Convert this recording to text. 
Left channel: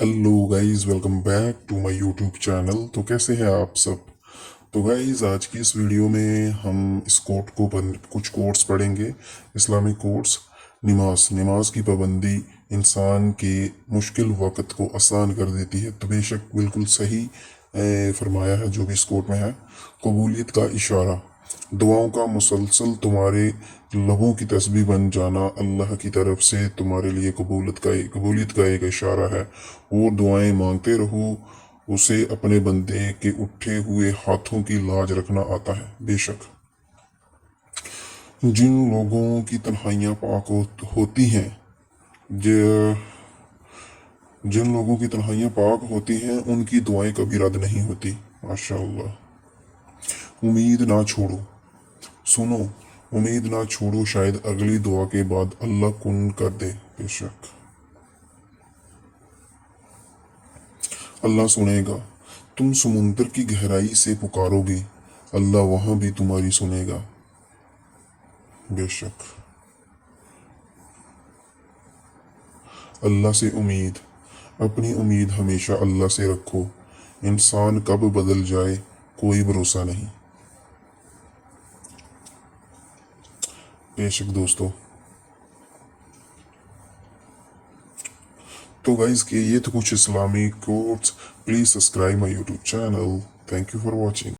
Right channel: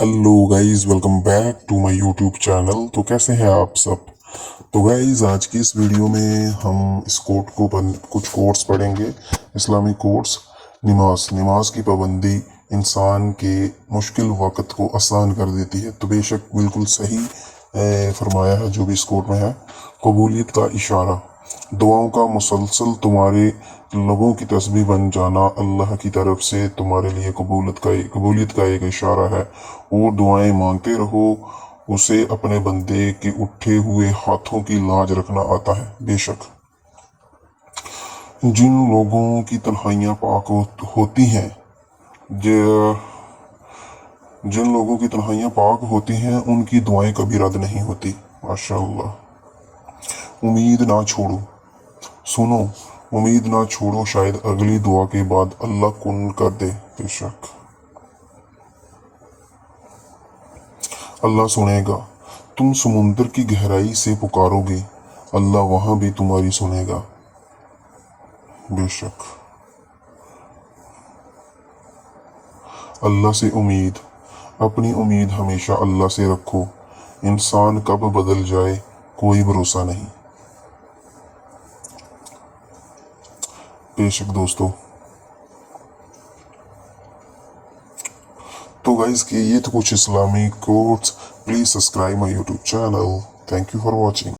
Hello guys, welcome back to my YouTube channel. तो कैसे हैं आप सब? तो गाइस, आज की इस वीडियो में हम इस कुछ कोट्स पढ़ेंगे। Islamic quotes. नमाज नमाज की पाबंदी इंसान के मुश्किल वक़्त को आसान कर देती है। तो बेशक बिल्कुल सही फरमाया है जो भी इस कोट में है। कबूलियत का इशारा, दुआओं का मुसलसल तुम्हारे लबों की तस्बीह बन जाना अल्लाह की तरफ से तुम्हारे लिए कबूलियत का एक इशारा है। और दुआएं मांगते रहो, उसे अपने बंदे के उठे हुए हाथों की लाज रखना आता है। बेशक जिन लोगों की तन्हाइयाँ पाक होती हैं, ज- जिन लोगों की तन्हाइयाँ पाक होती हैं उनकी दुआएं कभी रद्द नहीं होती। माशाअल्लाह। उम्मीद ना छोड़ो, सुनो, उम्मीद ना छोड़ो, शायद अगली दुआ के बाद अल्लाह कुन कर दे। बेशक अल्लाह सुनेगा। तुम समुंदर की गहराई से पुकारोगे, अल्लाह वहां भी तुम्हारी सुनेगा। बेशक अल्लाह से उम्मीद, अपनी उम्मीद हमेशा अल्लाह से रखो। इंसान कब बदल जाए कोई भरोसा नहीं। बेशक दोस्तों, तो गाइस के ये तो कुछ Islamic quotes. Please subscribe my YouTube channel. Thank you for watching.